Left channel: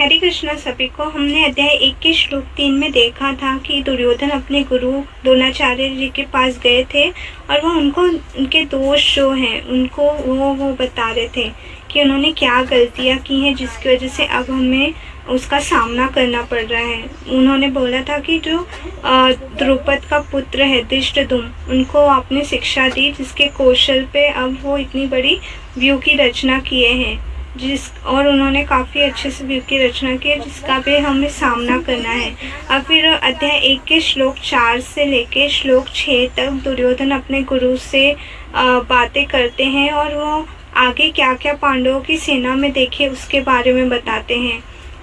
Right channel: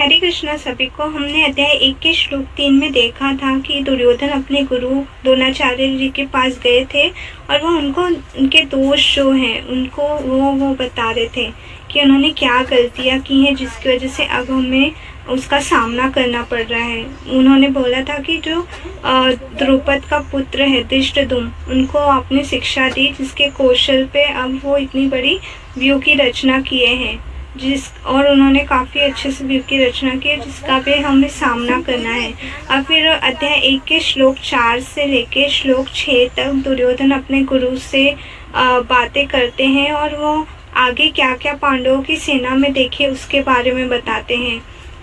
हरे कृष्णा सभी को। हमने अध्याय 1 के श्लोक 3 में देखा था कि दुर्योधन अपने गुरु द्रोणाचार्य जी के पास गए थे और वो उनको उनके दोष जो हैं उनको वो बता रहे थे कि उन्होंने क्या गलतियां की हैं जिसकी वजह से अब हमें उसका सामना करना पड़ रहा है। उन्होंने बोला था कि जो द्रुपद का पुत्र है धृष्टद्युम्न, उनको आपने शिक्षा दी जिसके कौशल पे अब वो इतनी बड़ी व्यू की रचना किए हैं और उन्होंने काफ़ी अच्छे से व्यू की रचना की है जिसका भी हमें सामना करना है। अब फिर अध्याय 1 के श्लोक 4 से लेके श्लोक 6 तक दुर्योधन अपने गुरु से बातें करते हैं और वो आगे क्या क्या पांडवों की सेना में देखे उसके बारे में बताते हैं।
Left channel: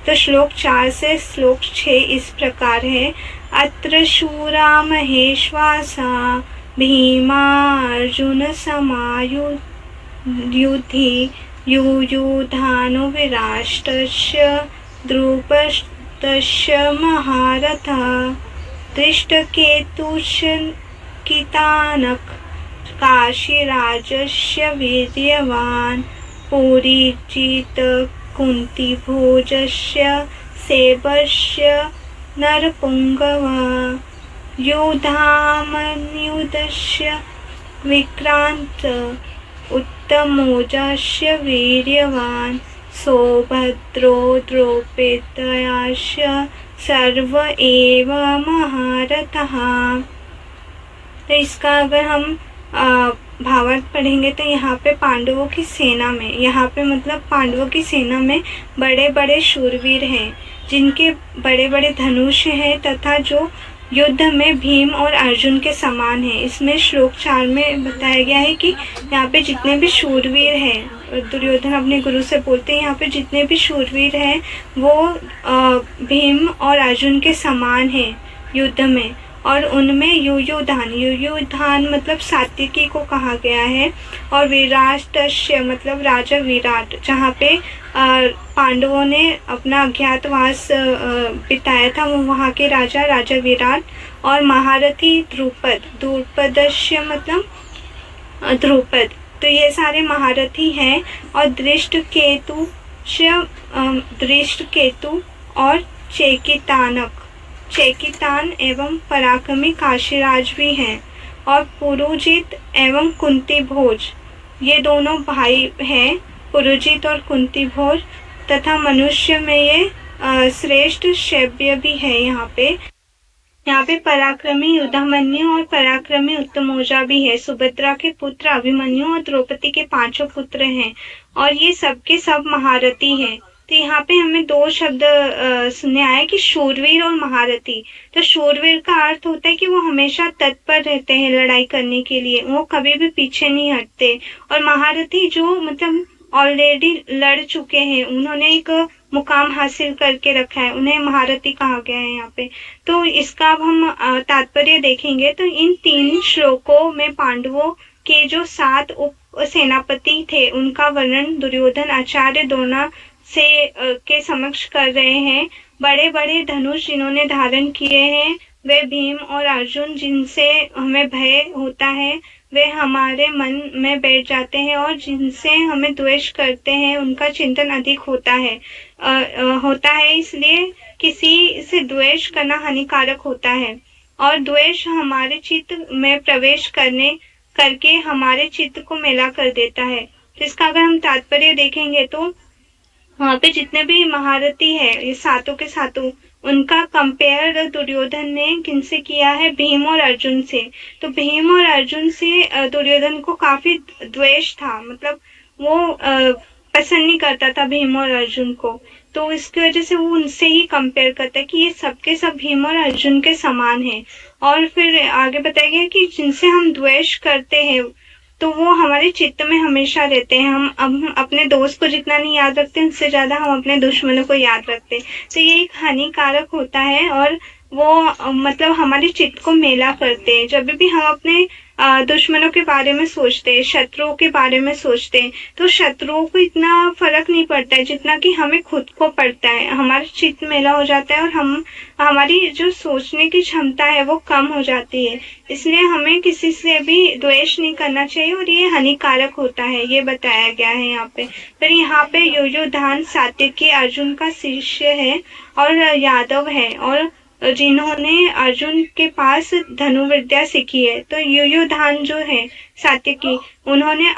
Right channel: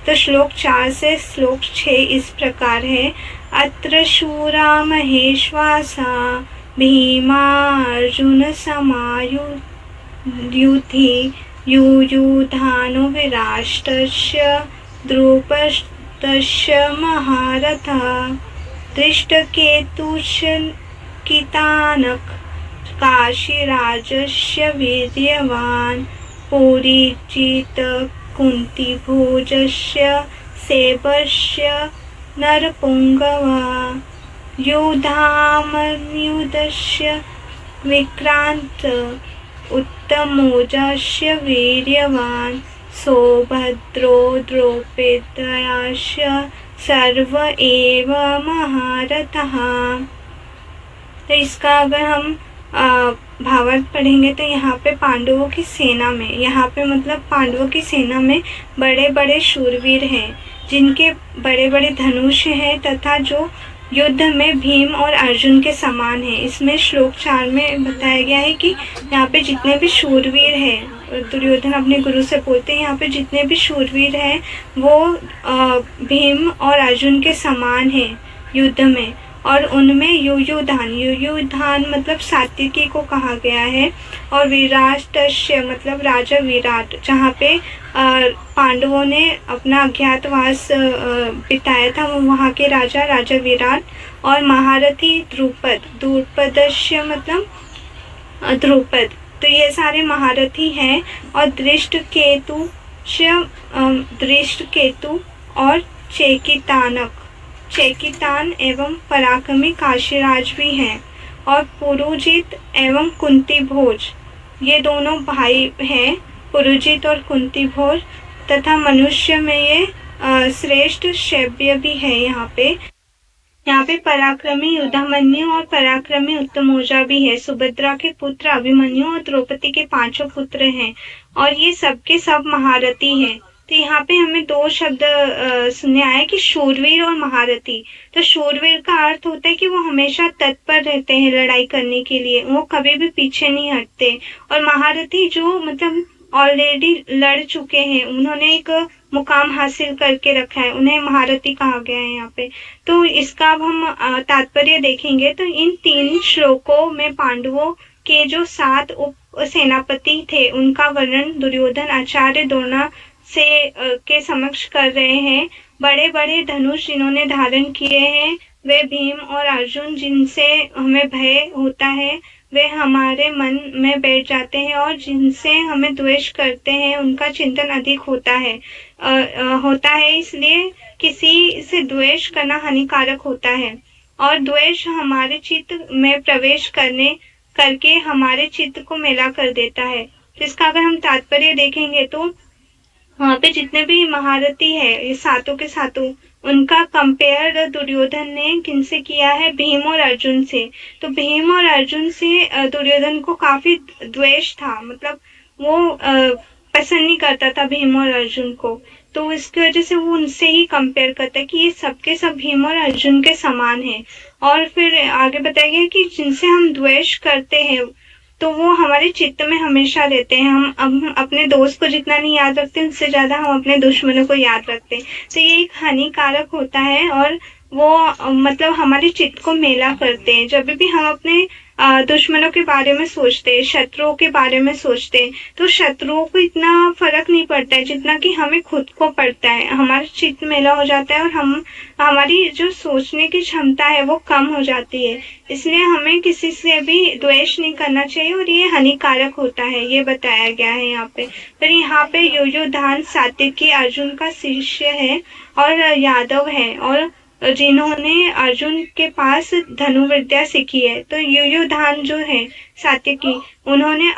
तो श्लोक 4 से श्लोक 6 इस प्रकार है। अत्र शूरा महेश्वासा भीमार्जुन समायुधि युयुधानुविराष्टस्य द्रुपदस्य महारथः धृष्टकेतुश्च काशीराजस्य वीर्यवान् पुरीजित कुन्तीभोजस्य सेवस्य नरपुङ्गवः युधामन्युधस्य विक्रान्त उत्तमोजस्य वीर्यवान् सौभद्रो द्रौपदस्य सर्व एव महारथः। तो इसका अगर हम भावार्थ पढ़ेंगे तो यहाँ पे पांडवों की सेना में, यहाँ पे मतलब पांडवों की सेना में बड़े बड़े शूरवीर हैं जिनके बड़े बड़े धनुष हैं तथा जो युद्ध में भीम और अर्जुन के समान है। इसमें श्लोक 4 में बताया गया है कि यहाँ पे जितने भी शूरवीर हैं, दुर्योधन अपने गुरु से बोलते हैं यहाँ पे जितने भी शूरवीर हैं वो भीम और अर्जुन के समान हैं युद्ध में। और उनमें युयुधान मतलब सात्विकी को कहा गया है और विराटस्य मतलब राजा विराट, जहाँ पे पांडवों ने अपना अज्ञातवास बिताया था वो वहाँ के राजा विराट। और महारथी द्रुपदस्य मतलब द्रुपद, तो ये सारे महारथी हैं। और दृष्टकेतु और चेकितान एवं पराक्रमी काशीराज भी हैं। और पुरुजित एवं कुंती भोज, ये दोनों भाई हैं, पुरुजित और कुंती भोज। तथा मनुष्य में ये श्रेष्ठ शैब्य भी है। यहाँ पे पराक्रमी युधामन्यु और पराक्रमी उत्तमौजा भी है। सुभद्रा के पुत्र अभिमन्यु और द्रौपदी के 5 पुत्र हैं और ये सबके सब महारथी हैं। तो यहाँ पे हमें 2 शब्द सुनने आया कि शूरवीर और महारथी। तो शूरवीर का अर्थ होता है कि वो हमेशा तत्पर रहते हैं लड़ाई करने के लिए, वो कभी भी पीछे नहीं हटते। और महारथी जो मतलब ऑलरेडी लड़ चुके हैं, उन्होंने एक मुकाम हासिल करके रखा है, उन्हें महारथी कहा गया है यहाँ पे। तो इसका अब हम तात्पर्य देखेंगे। तो इन 3 श्लोकों में पांडवों के जो 7 उप सेनापति थे उनका वर्णन दुर्योधन आचार्य द्रोण से के समक्ष कर रहे हैं। बड़े बड़े धनुष जिन्होंने धारण किए हैं वे भीम और अर्जुन, जिनसे हमें भय होता है, वे हमारे मन में बैठ जाते हैं। और जिनसे हमें द्वेष करते हैं उनका चिंतन अधिक होता है। इसलिए किसी से द्वेष करना हानिकारक होता है और द्वेष हमारे चित्त में प्रवेश करके हमारे चित्त को मैला कर देता है। तो इसका अगर हम तात्पर्य देखेंगे तो वहाँ पे जितने भी महारथी है ये 7 के 7, उनका कंपेयर दुर्योधन ने किनसे किया है? भीम और अर्जुन से। तो भीम और अर्जुन से दुर्योधन को काफी द्वेष था, मतलब वो पसंद नहीं करता था भीम और अर्जुन को। तो इसकी वजह से वो उनसे ही कंपेयर करता है कि ये सबके सब भीम और अर्जुन के समान है। और फिर आगे बताया गया कि जिनसे हम द्वेष करते हैं तो वो हमारे चित्त में हमेशा रहते हैं। हम अपने दोस्त को जितना नहीं याद रखते उससे ज्यादा हम अपने दुश्मनों को याद रखते हैं। तो ये एक हानिकारक होता है और वो मतलब हमारे चित्त को मेला करते हैं। जब भी हम अपने दुश्मनों के बारे में सोचते, शत्रुओं के बारे में सोचते, तो शत्रुओं को इतना फर्क नहीं पड़ता है जितना कि हमें खुद को पड़ता है। हमारा चित्त मेला हो जाता है और हमारी जो सोचने की क्षमता है वो कम हो जाती है। इसलिए हमें किसी से भी द्वेष नहीं करना चाहिए और ये हानिकारक होता है, ये बताया गया है यहाँ पे। फिर यहाँ पे युयुधान सात्यकी अर्जुन का शिष्य है और यादव है, और जिन्होंने अर्जुन के पास धनुर्विद्या सीखी है। तो युयुधान जो है सात्यकी, उन्होंने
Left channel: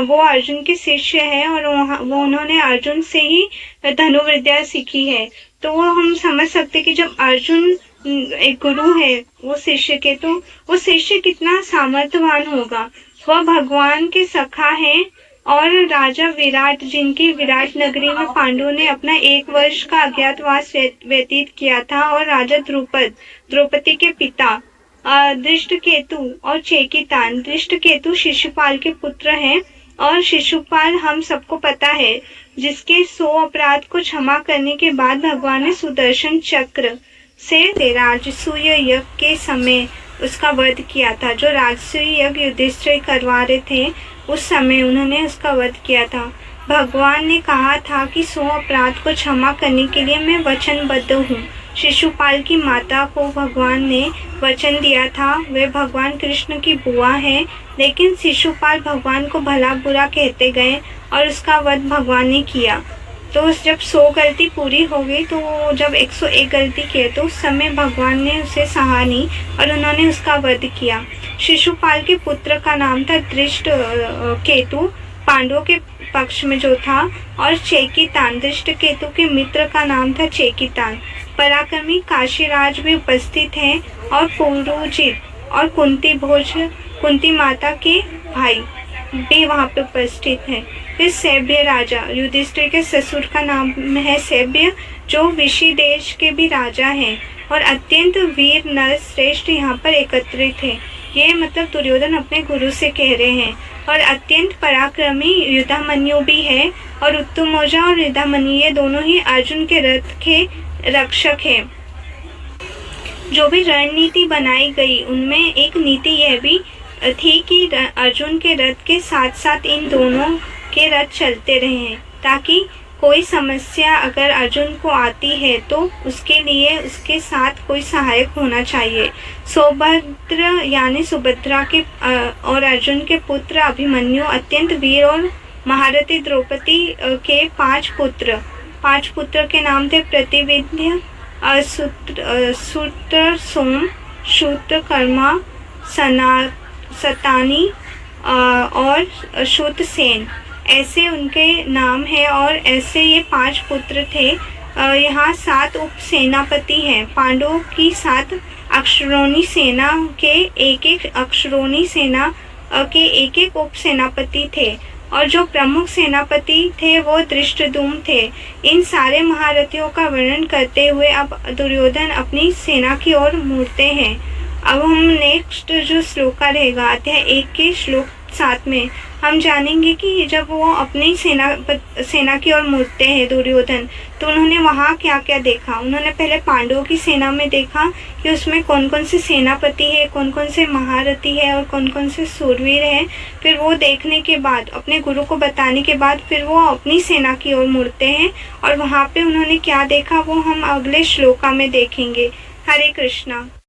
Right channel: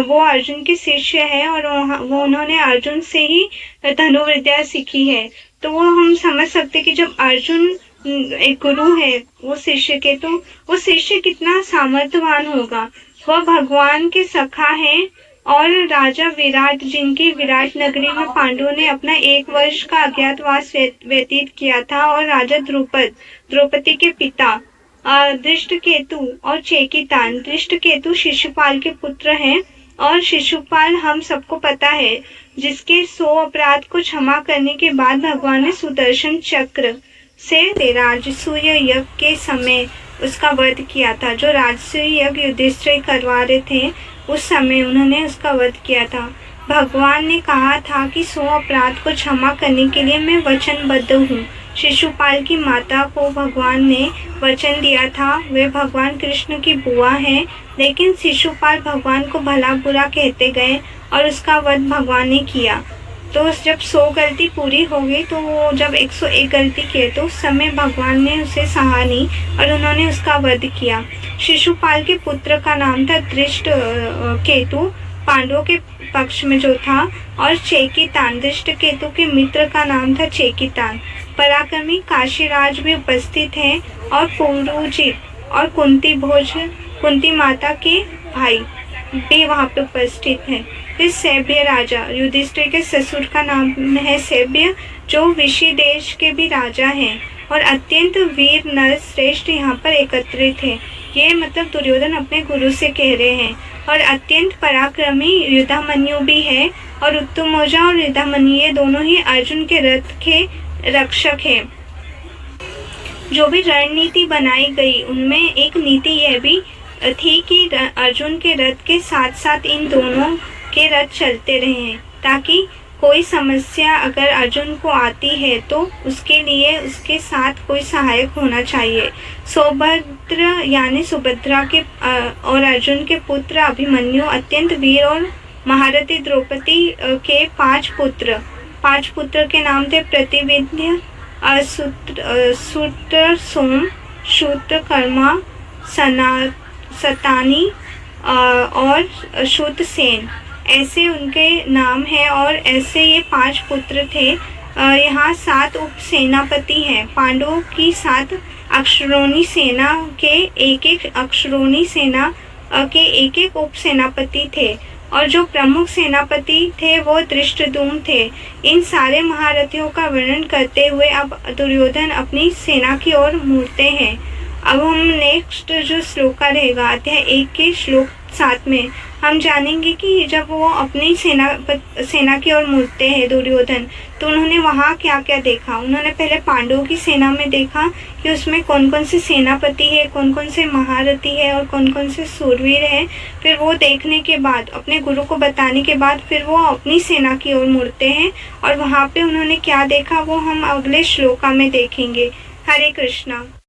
वो अर्जुन के शिष्य है और वो उन्होंने अर्जुन से ही धनुर्विद्या सीखी है। तो वो हम समझ सकते कि जब अर्जुन एक गुरु है वो शिष्य के, तो वो शिष्य कितना सामर्थ्यवान होगा। वह भगवान के सखा है और राजा विराट, जिनकी विराट नगरी में पांडवों ने अपना 1 वर्ष का अज्ञातवास व्यतीत किया था, और राजा द्रौपदी के पिता दृष्टकेतु और चेकितान। दृष्टकेतु शिशुपाल के पुत्र हैं, और शिशुपाल हम सबको पता है जिसके 100 अपराध को क्षमा करने के बाद भगवान ने सुदर्शन चक्र से राजसूय यज्ञ के समय उसका वध किया था। जो राजसूय यज्ञ युधिष्ठिर करवा रहे थे उस समय उन्होंने उसका वध किया था। भगवान ने कहा था कि 100 अपराध को क्षमा करने के लिए मैं वचनबद्ध हूँ। शिशुपाल की माता को भगवान ने वचन दिया था, वे भगवान कृष्ण की बुआ है, लेकिन शिशुपाल भगवान को भला बुरा कहते गए और उसका वध भगवान ने किया। तो जब 100 गलती पूरी हो गई, तो जब 101 गलती किए तो उस समय भगवान ने उसे सहा नहीं और उन्होंने उसका वध किया। शिशुपाल के पुत्र का नाम था दृष्टकेतु, पांडवों के पक्ष में जो था, और चेकितान, दृष्टकेतु के मित्र का नाम था चेकितान। पराक्रमी काशीराज भी उपस्थित हैं और पुरुजित और कुंती माता के भाई भी वहाँ पे उपस्थित हैं। फिर सैभ्य राजा, युधिष्ठिर के ससुर का नाम है सैभ्य, जो विषि देश के भी राजा हैं, और अत्यंत वीर नर श्रेष्ठ यहाँ पर एकत्रित हैं। ये मतलब दुर्योधन अपने गुरु से कह रहे हैं। और अत्यंत पराक्रमी युधामन्यु भी है, और उत्तमौजा और युधामन्यु ये दोनों ही अर्जुन के रथ के रक्षक हैं। जो भी रणनीति बनाई गई उनमें एक नीति यह भी थी कि अर्जुन के रथ के साथ साथ इन दोनों के रथ चलते रहें, ताकि कोई समस्या अगर अर्जुन को आती है तो उसके लिए उसके साथ कोई सहायक होना चाहिए। सौभद्र यानी सुभद्रा के और अर्जुन के पुत्र अभिमन्यु अत्यंत वीर और महारथी द्रौपदी के 5 पुत्र के नाम थे प्रतिविंध्य, सूत्रसोम, शूत्रकर्मा, सतानी और श्रुतसेन, ऐसे उनके नाम हैं। और ऐसे ये 5 पुत्र थे। यहाँ 7 उप सेनापति हैं। पांडवों की 7 अक्षरोणी सेना के एक उप सेनापति थे, और जो प्रमुख सेनापति थे वो धृष्टद्युम्न थे। इन सारे महारथियों का वर्णन करते हुए अब दुर्योधन अपनी सेना की ओर मुड़ते हैं। अब हम नेक्स्ट जो श्लोक रहेगा अध्याय 1 के श्लोक 7 में हम जानेंगे कि जब वो अपनी सेना की ओर मुड़ते हैं दुर्योधन, तो उन्होंने वहाँ क्या क्या देखा। उन्होंने पहले पांडवों की सेना में देखा कि उसमें कौन कौन से सेनापति है, कौन कौन से महारथी है और कौन कौन से सूरवीर हैं। फिर वो देखने के बाद, अपने गुरु को बताने के बाद, फिर वो अपनी सेना की ओर मुड़ते हैं, और वहाँ पे उन्होंने क्या देखा वो हम अगले श्लोका में देखेंगे। हरे कृष्णा।